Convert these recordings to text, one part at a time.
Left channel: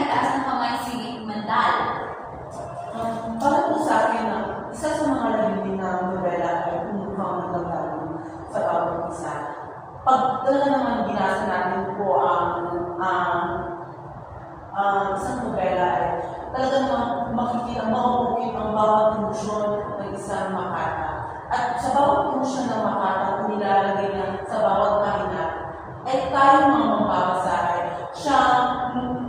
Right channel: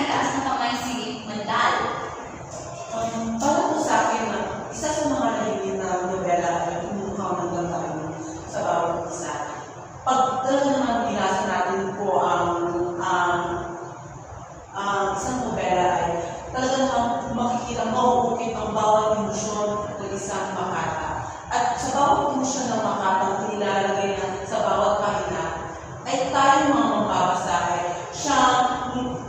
nagtaas ng kamay si Mandal. Para po sa akin, isa sa mga nagiging na nobela ay umukhang ng damdamin sa bawat isa. Pag talaga naman binasa natin po ang isang nobela ay talaga naman makikita, mauukit ang bawat emosyon ng isang makata. At sa bawat emosyon ng makata, nilalagay niya sa bawat kahina, ay tayo mga mababasa ay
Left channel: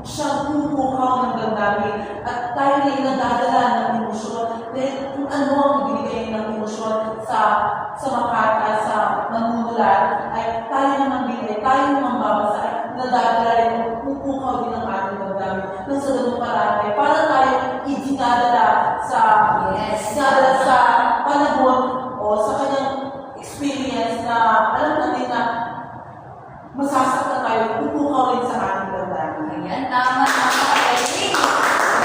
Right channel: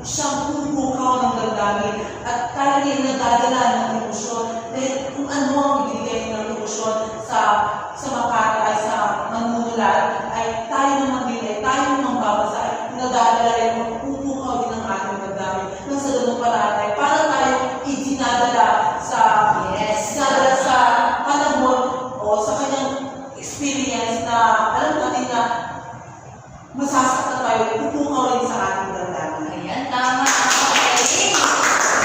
siyang pumukaw ng damdamin at tayo ay nagdadala ng emosyon. Dahil kung ano ang ibinigay ng emosyon sa makata, sa manunulat, ay tayo naman din ay tayo mga mababasa ay nadadala ay pupukaw din ang ating damdamin. Nang sa ganun parate, para tayo idinadala sa panahon o sa kanyang experience na alam natin na masasaktan tayo, pupukaw rin sa ating damdamin. Ayan, tama.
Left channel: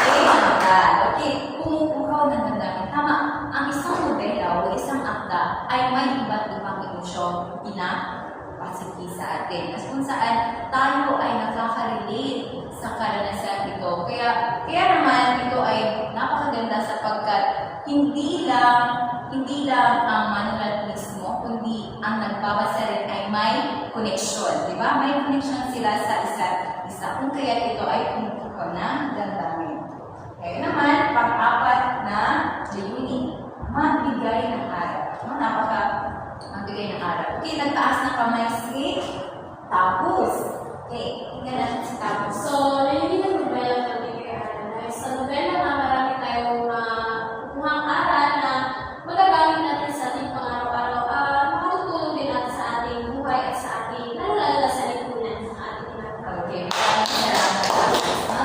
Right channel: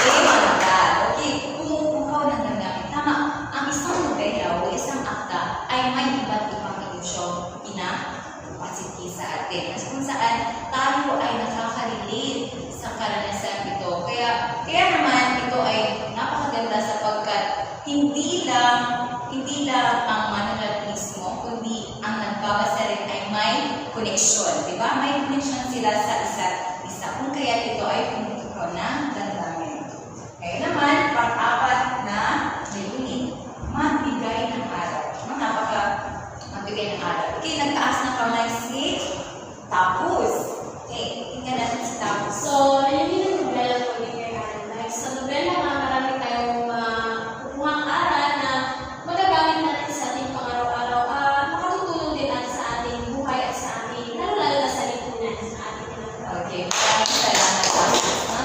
Okay, Mandal. Okay, pumupukaw ng damdamin. Tama, ang isang nobela o isang akda ay may iba't ibang emosyong pinapasiti sa atin. As kung saan tayo ay nakaka-relate sa karanasan ito. Kaya naman ito ay napakaganda sapagkat hindi lang ang manulat mismo, kundi ang nagbabasa rin ay may koneksyon. Diba? May koneksyon sila sa isa't isa. Kung kaya ito ay pumupukaw ng damdamin. Kaya naman, pang-apat na layunin, magbigay ng aral. Magbigay ng aral. Okay, nagtaas na kamay si Tapos. Okay, tingnan natin si Tapos. So, layunin ng nobela pagbigay aral. Like, sa nobela nga marami tayong kukuhang aral na magagamit natin sa ating pang-araw-araw at makatutulong din natin sa ating buhay at sa ating, lalo-lalo na sa lipunan sa ating ginagawa. Okay, maraming salamat.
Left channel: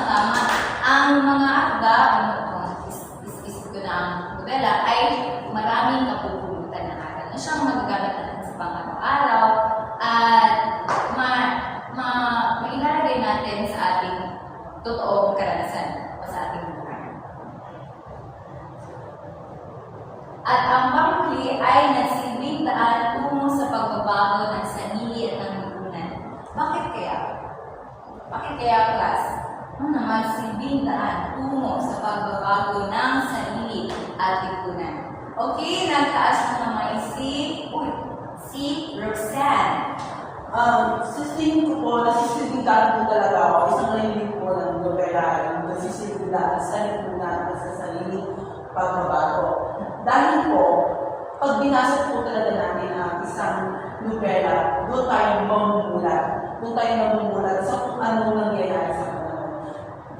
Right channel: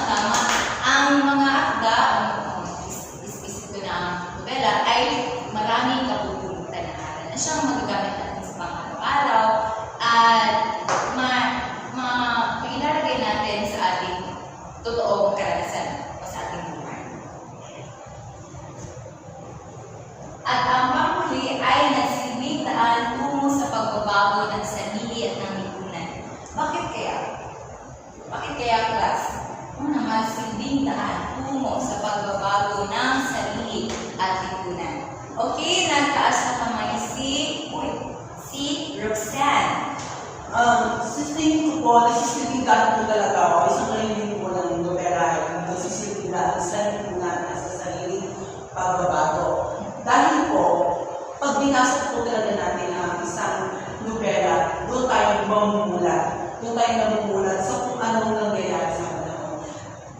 Tama. Ang mga akda, isip ko na ang nobela, ay maraming kapupulutan na aral na siyang magagamit natin sa pang-araw-araw at mailalagay natin sa ating totoong karanasan o sa ating buhay. At ang panghuli ay nagsilbing daan tungo sa pagbabago ng sarili at ng lipunan. Bakit kaya? Bakit kaya, class? Ano naman silbing daan tungo sa pagbabago ng sarili at lipunan? Okay, nagtaas na kamay si Roxanne. Sa tingin ko po, nasisilbidaan po talaga ako. Isang layunin po ng nobela ay nasisilbidaan sa lipunan at sa sariling pagbabago. Dahil po, pag binasa po talaga natin ang isang nobela, doon tayo mamumulat. Doon tayo mamumulat sa kung anong nangyayari sa panahon.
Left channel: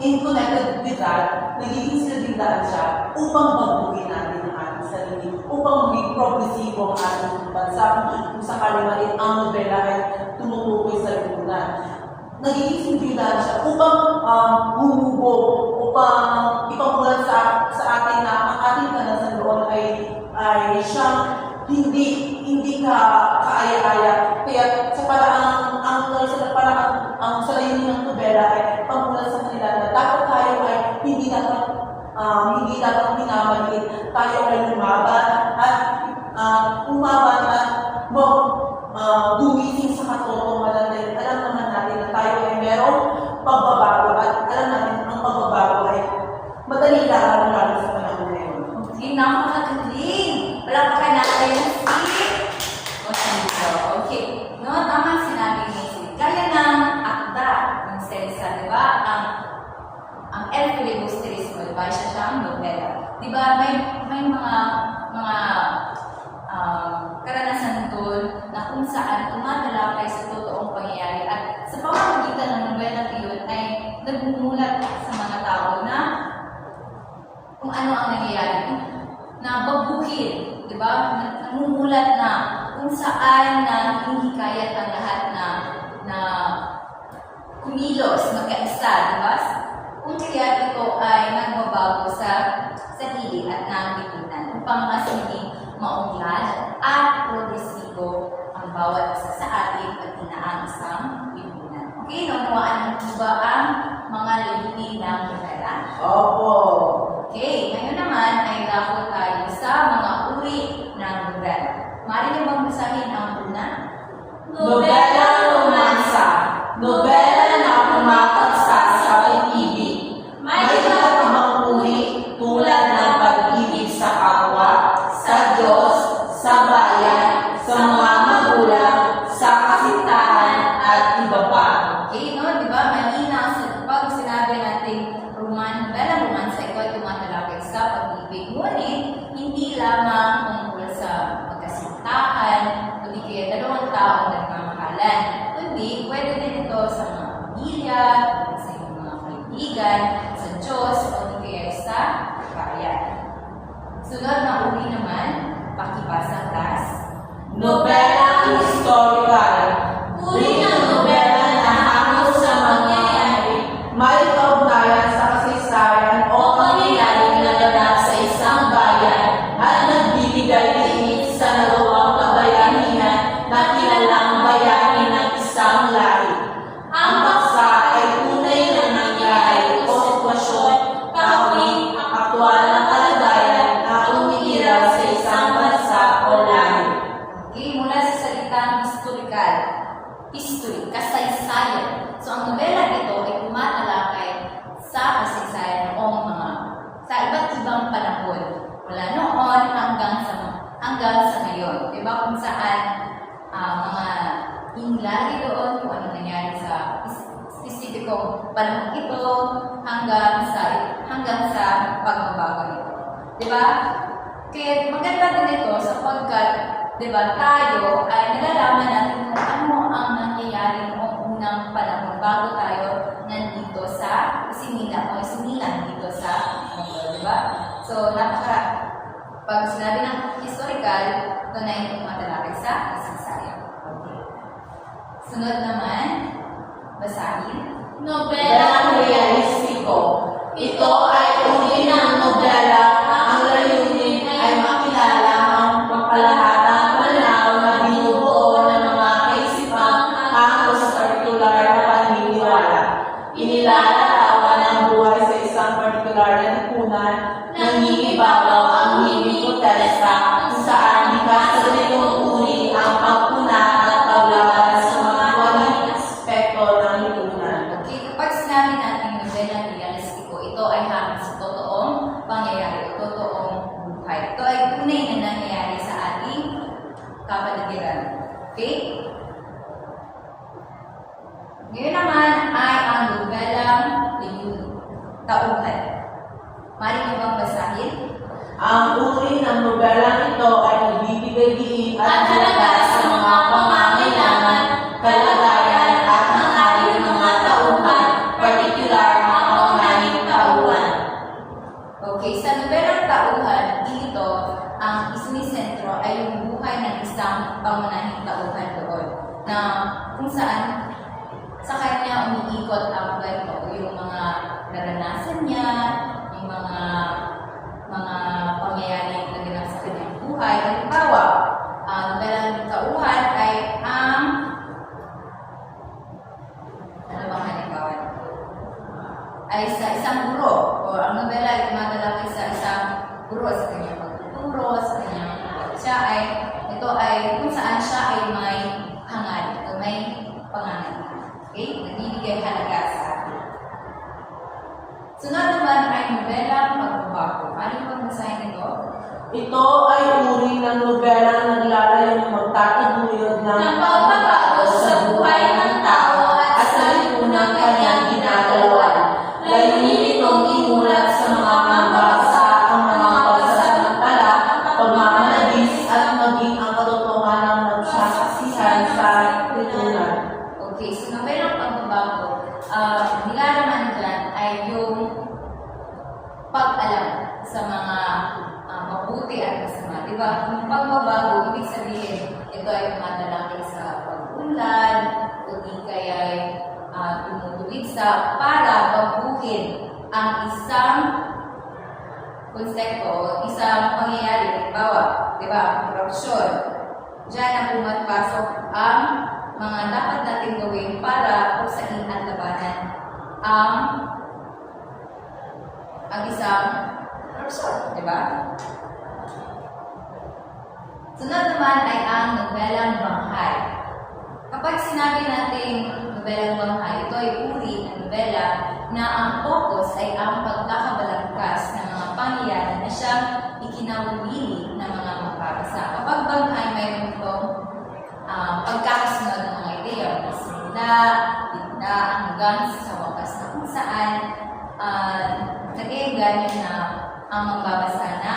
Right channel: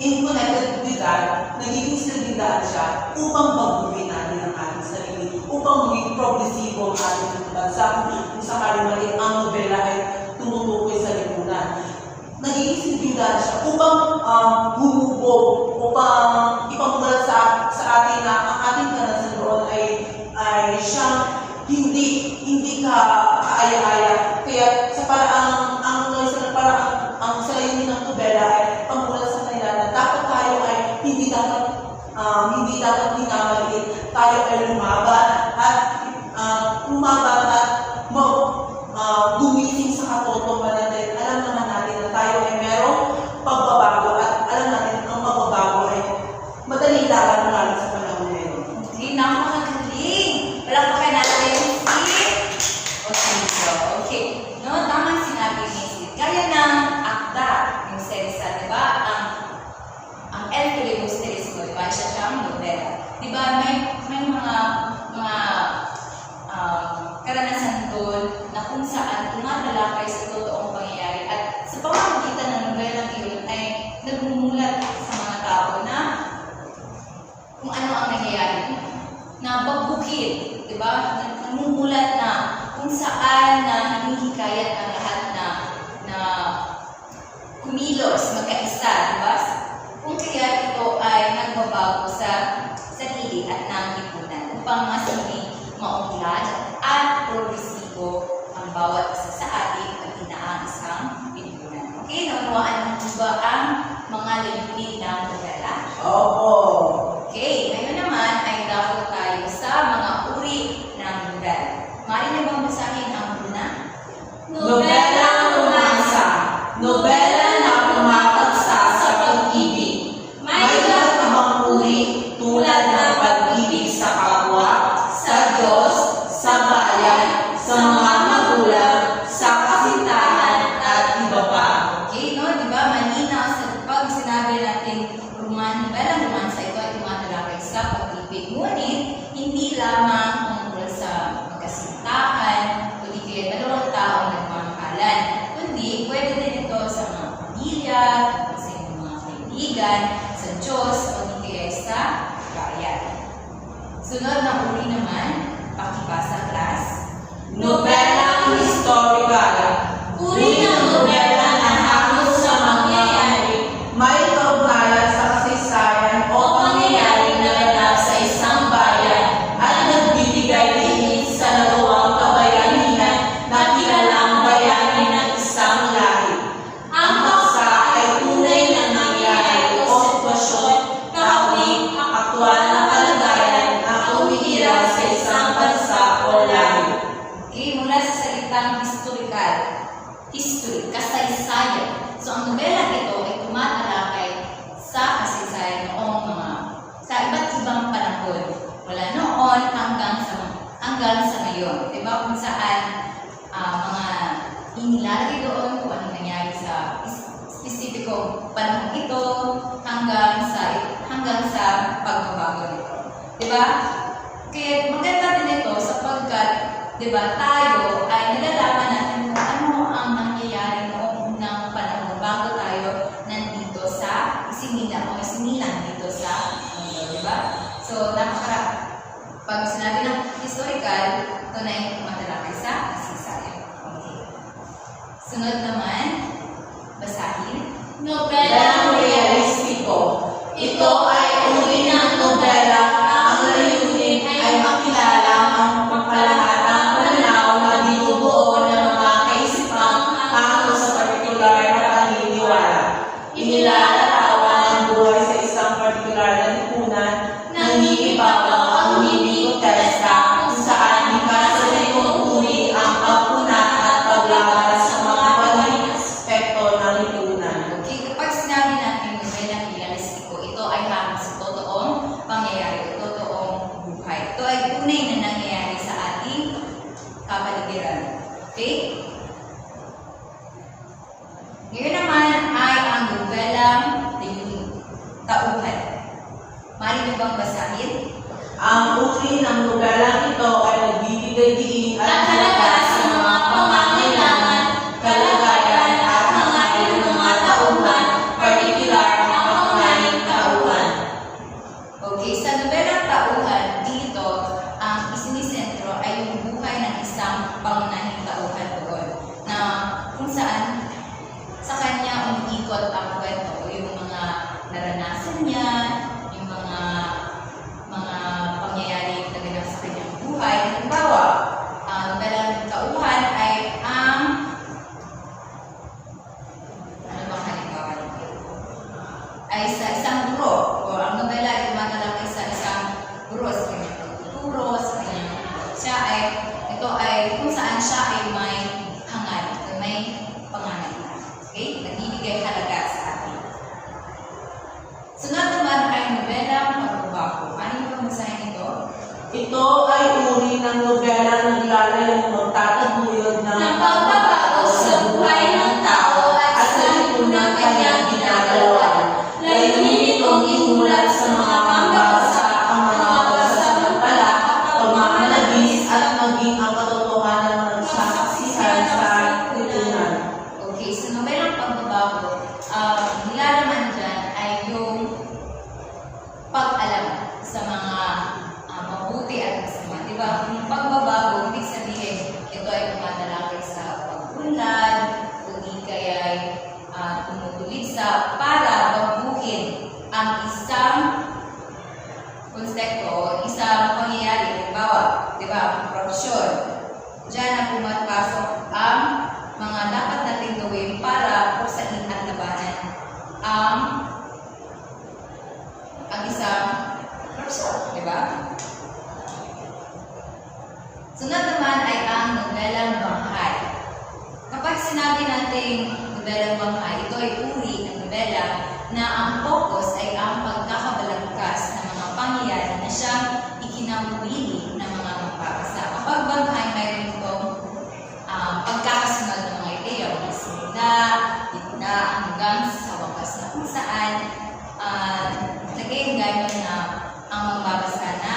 In connected with that, nagiging silbidaan siya upang baguhin natin ang ating sarili, upang maging progresibo ang ating bansa. Kung sakali mali, ang nobela ay tumutukoy sa lipunan. Nagiging silbidaan siya upang humubog, upang ipamulat sa atin na ang ating karanasan doon ay siyang hindi kaaya-aya. Kaya sa paraang ang sa layunin ng nobela ay pamulat sa kanila na dapat tayo ay hindi dapat minamaliit. Tayo ay lumaban at gumising sa katotohanan dahil alam naman natin na tayo ay merong pagbabago at alam natin ang pagbabago ay madali lang lalo sa panahon ngayon. Okay, napakagaling. Palakpakan natin si Osinso. Okay, no, tama sinabi ni si. Gaya ng akda ng Serisa, di ba? Ang El Filibusterismo, di ba? Siya siyang nobela. Di ba? May mga karanasan doon na kung saan tumatalakay sa totoong pangyayari at sa pamamagitan ng nobela iyon ay nagmumulat sa mga tao na kung ano ang nangyayari, na baguhin, di ba? Nagmumulat na kung saan na hinihikayat ang lahat na kumilos, magkaisa, di ba? Kung kaya ito ay nagbabago sa sarili at ng lipunan upang mas hindi maunlad at progresibo ang bawat isa sa atin at inaang isang lipunan. Okay, naunawaan mo ba ang mga layunin ng nobela? Opo. Okay, ngayon naman ay dako tayo sa mga uri ng nobela. Maaari niyo bang basahin ang una? Nobela romansa. Nobela na pumataksa sa pag-ibig. kaibigan, sa Diyos, o hindi kaya sa bayan. Sunod na uri naman, pakibasa class. Nobelang historical. Uri ng nobela na hango sa mangyayari, may kaugnayan sa kasaysayan o pangyayaring naganap sa isang bayan at nagbibigay diin sa nagawang kabayanihan na kilalang bayani ng isang lahi. Ang paksa ay tunay na nangyayari o sitwasyon, kahawig, aktwal na kalagayan na umihira sa isang bansa o lahi. Okay, mula sa salitang historical, history, kasaysayan. So, ang nobela ito ay tumatalakay sa kasaysayan noong sa iba't ibang panahon. Mula noon hanggang sa ngayon. Diba? Kung saan mga inilalagay doon kung ano nangyari sa spesipikong panahon ito hanggang sa pagbabago nito. Diba? Kaya maganda din ito sapagkat diba, tayo ay nalalaman natin kung ano ang nangyayari noong unang panahon bago tayo nandito sa isinilang dito sa mundo, diba? So, pag sinabi ng historical, ito na yung tumatalakay sa kasaysayan. Okay. Sunod naman, basahin. Nobelang realistiko. Ito ay uri ng nobela ang layunin ay makilala ang pagpalahatang pananaw na binubuo ng mga kaisipang hango sa partikular na paniniwala. Inilalarawan ang buhay sa isang partikular na lipunan na ninibabaw ang hindi protesta kung saan ikasalunod uri ang pagpuna at paglaban sa mga waling aspekto ng lipunan. Okay, kapag sinabi natin nobelang realistiko, ito ay hango sa totoong pangyayari, totoong buhay. Ito ay tunay na nangyayari sa ating kapaligiran. Okay? Ngayon naman ay ang nobelang tauhan. Mari mo bang basahin? Ang uri ng nobelang ito ay nagbibigay diin at halaga sa mga pangangailangan, kalagayan at hangarin ng mga tauhan, partikular na pangunahing tauhan. Okay, sa nobelang tauhan, dito, ang isinisentro ay yung buhay ng isang pangunahing tauhan doon. Na kung saan sa kanya umiikot ang kwento, yung mga naranasan niya, yung mga pangyayari na ganap sa kanyang buhay. Halimbawa, ang nobelang tauhan ay ano bang halimbawa nito? Ay sa isang guro, o ang nobela ay tumatalakay sa isang guro sa kanyang pagtuturo, sa kanyang ito ay kung saan siya ay may hangal, o may pangangailangan. Okay? Nagbibigay halaga sa atin. Sunod naman ay nobelang pagbabago. Ano yung masahin ito? Ito ay uri ng nobelang naglalayong magtataguyod ng pagbabago sa buhay ng tao at sa lipunang kanyang ginagalawan. Layunin itong imulat sa mga mambasa ang mga pagsasamantala, pagmamalabis at maging ang katotohanan ng magsasaksihan sa lipunan. Okay, so nobelang pagbabago, nilalaman dyan ay yung pag-alam sa mga mabuti at masama. Diba? Kung pagbabago, ibig sabihin, ito ay tumatalakay sa pag-unlad, o di kaya ay tumutulid sa para baguhin ang isang konsepto o isang pangyayari. Halimbawa, diba? Korupsyon. Diyan na pumapasok ang mga dapat nating gawin para pusain at labanan ang isang korupsyon, di ba? Sunod naman ay ang nobelang banghay. Kapag sinabi nating nobelang banghay, ito ay uri ng nobela na ang focus ay ang pagkakabalangkas ng mga pangyayari na siyang ikinawiwili ng mga mapapasa. Kapag banghay, mayroon itong pagkakasunod ng mga ideya, mga simula, gitna, hanggang sa wakas na kung saan nag-e-enganyo na ang magbabasa na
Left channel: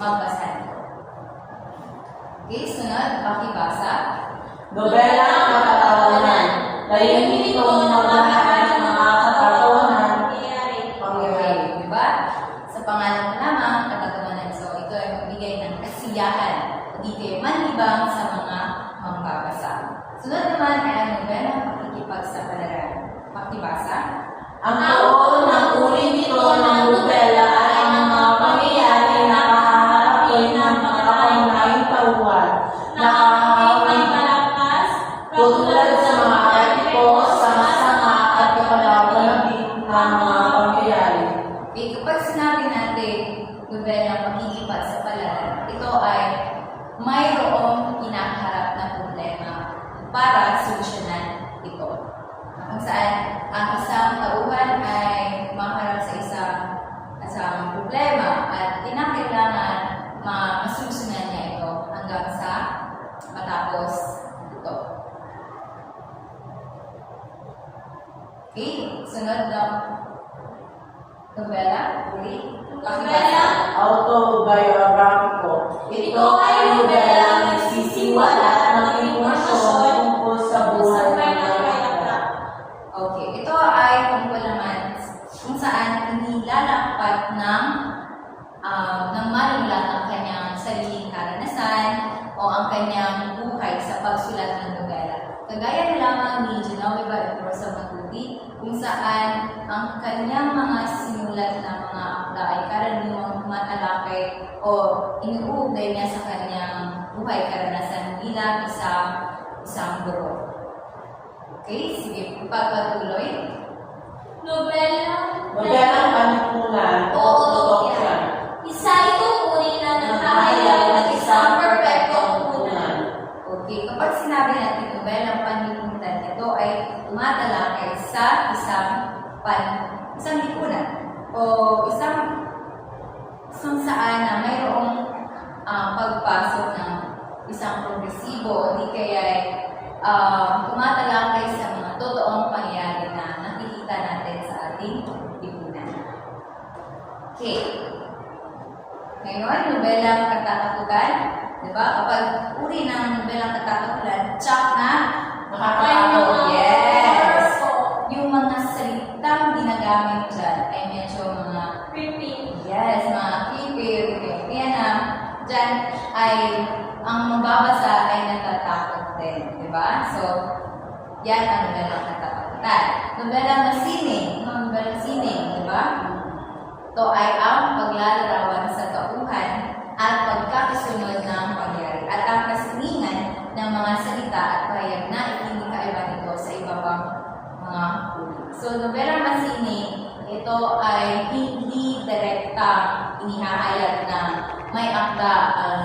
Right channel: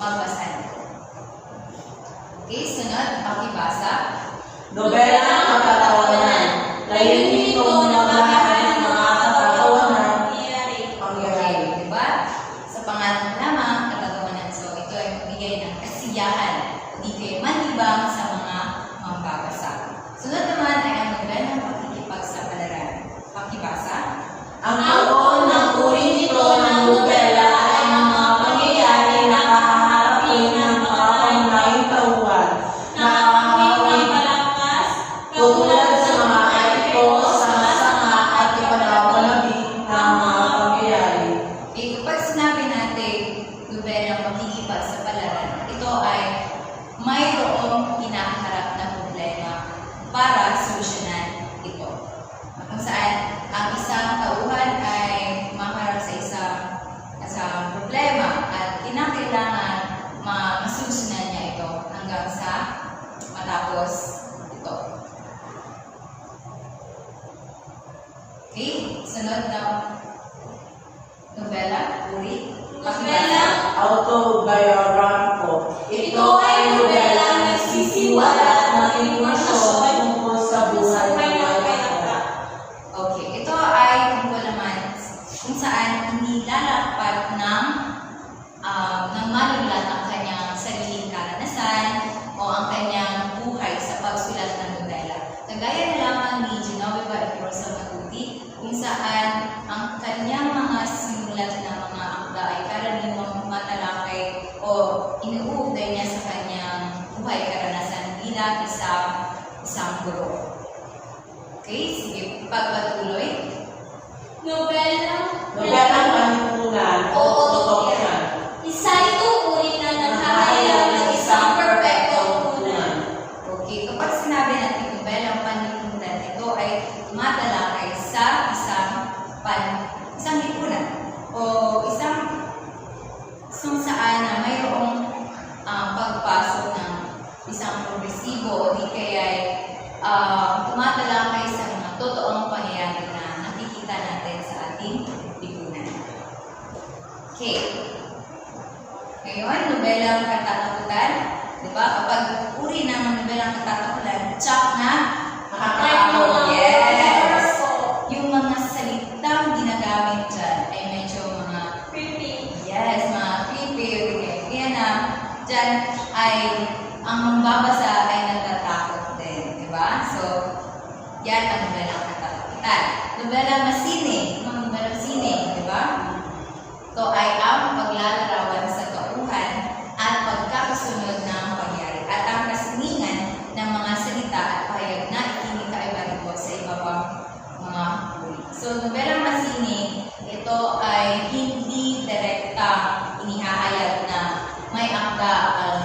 magbasa nito. Okay, sunod, pakibasa. Nobelang katatawanan. Layunin itong maglahat ng mga katatawanan panabing ng mga pangyayari. Okay, kapag sinabi natin nobelang pakikipagsapalaran, ito ay mayroong kinakaharap na problema para solusyonan ito. Kung saan ang isang tauhan ay makaharap sa isang problema at kinakailangan masolusyonan niya ito hanggang sa matapos ito. Okay, sunod na nobela, uri, Nobela. Autobiographico. Ito ay nobelang nagsisiwalat ng impormasyon tungkol sa buhay ng mga akda. Okay, ito ay tungkol naman kung saan inilalakpat ng manulat ang kanyang sariling karanasan o ang kanyang buhay sa pagsulat ng nobela. Kagaya na lamang ni Genoveva de Rosa Matuti, kung saan ang kanyang mga sinulat na mga akda ay karaniwang matalakay o inuugnay niya sa kanyang buhay karanasan bilang isang guro. Okay, sige, pagpatuloy. Nobelang panlipunan o utopia. Isa itong uri na naghahayag ng isang perpektong punan. Okay, kapag sinabi natin nobelang panlipunan, ito ay tumatalakay sa isang lipunan o isang saan na mayroong pagpasok ng isang progresibo o di kaya tumatalakay sa mga totoong pangyayari na nakikita natin sa ating lipunan. Okay. Ngayon, nobelang katatakutan. Diba? Kapag uri ng nobelang katatakutan, tsak na makakatakot. Yes! Yung mga salitang ginagamit dyan ay medyo mga Creepy. yes, mga creepy. Kaya na dyan ay ang mambabasa ay natatakot din. Diba? So, yan ang nobelang katatakutan. Nobelang masining. Nobelang sining. Diba? Ito ay ang paglalarawan sa tauhan at pagkakasunod ng pangyari at ang kasiningan ng mga salita at pahayag na ikinikaiba nito sa iba pang mga uri. So, nobelang masining, ito ay hindi direktang inihahayag na may akda ang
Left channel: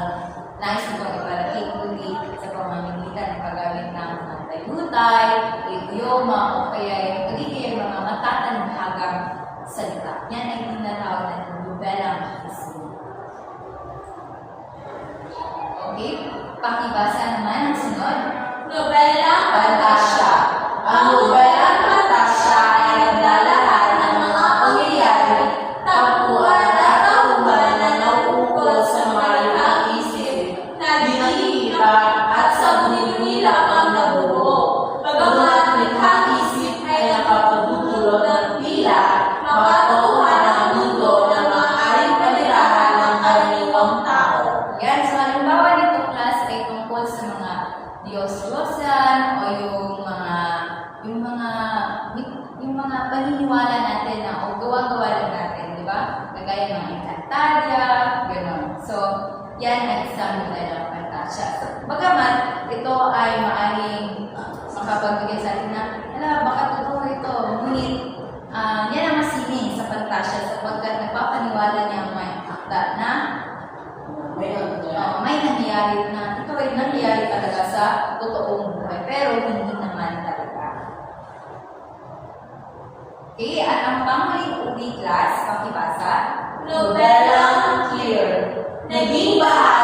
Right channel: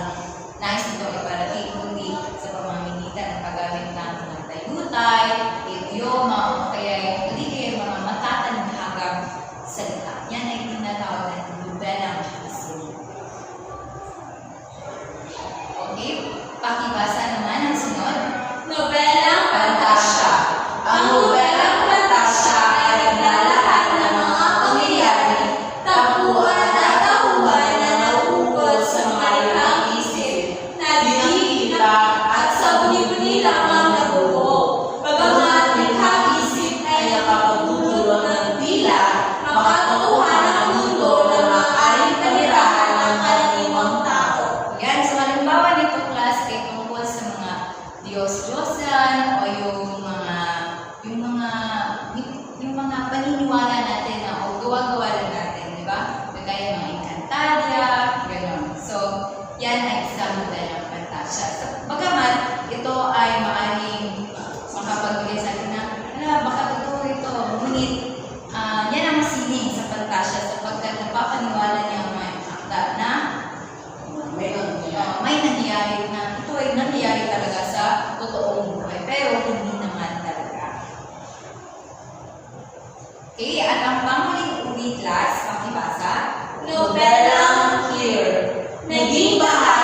nais nitong iparating, kundi sa pamamagitan ng paggamit ng mga tayutay, idioma, o kaya yung mga matatanhagang salita. Yan ay tinatawag na nobelang masining. Okay, pakibasa naman ang sunod. Nobelang Pantasya. Ang nobelang pantasya ay naglalahat ng mga pangyayari, tapuan at tauhan na nauukol sa mga limang isip, nakikita at sa buni-buni lamang nabuo. Bagamat likhang isip ay nakapagdudulot ng tila, makatauhan ang mundo na maaaring panirahan ng karaniwang tao. Yan, so halimbawa nito class ay tungkol sa mga Diyos-Diyosan o yung mga paniniwala natin na o gawa-gawa lang natin, di ba? Kagaya mga Encantadia, gano'n. So, yan ay isang nobelang pantasya. So, bagamat ito ay maaaring makapagbigay sa atin na, baka totoo ito. Ngunit, yan ang masining sa pantasya sapagkat napapaniwala niya may akda na may nangyayari na ito ay nangyayari talaga sa totoong buhay pero hindi naman talaga. Okay, at ang panghuling uri class, pakibasa. Nobelang clear. Naging bahagi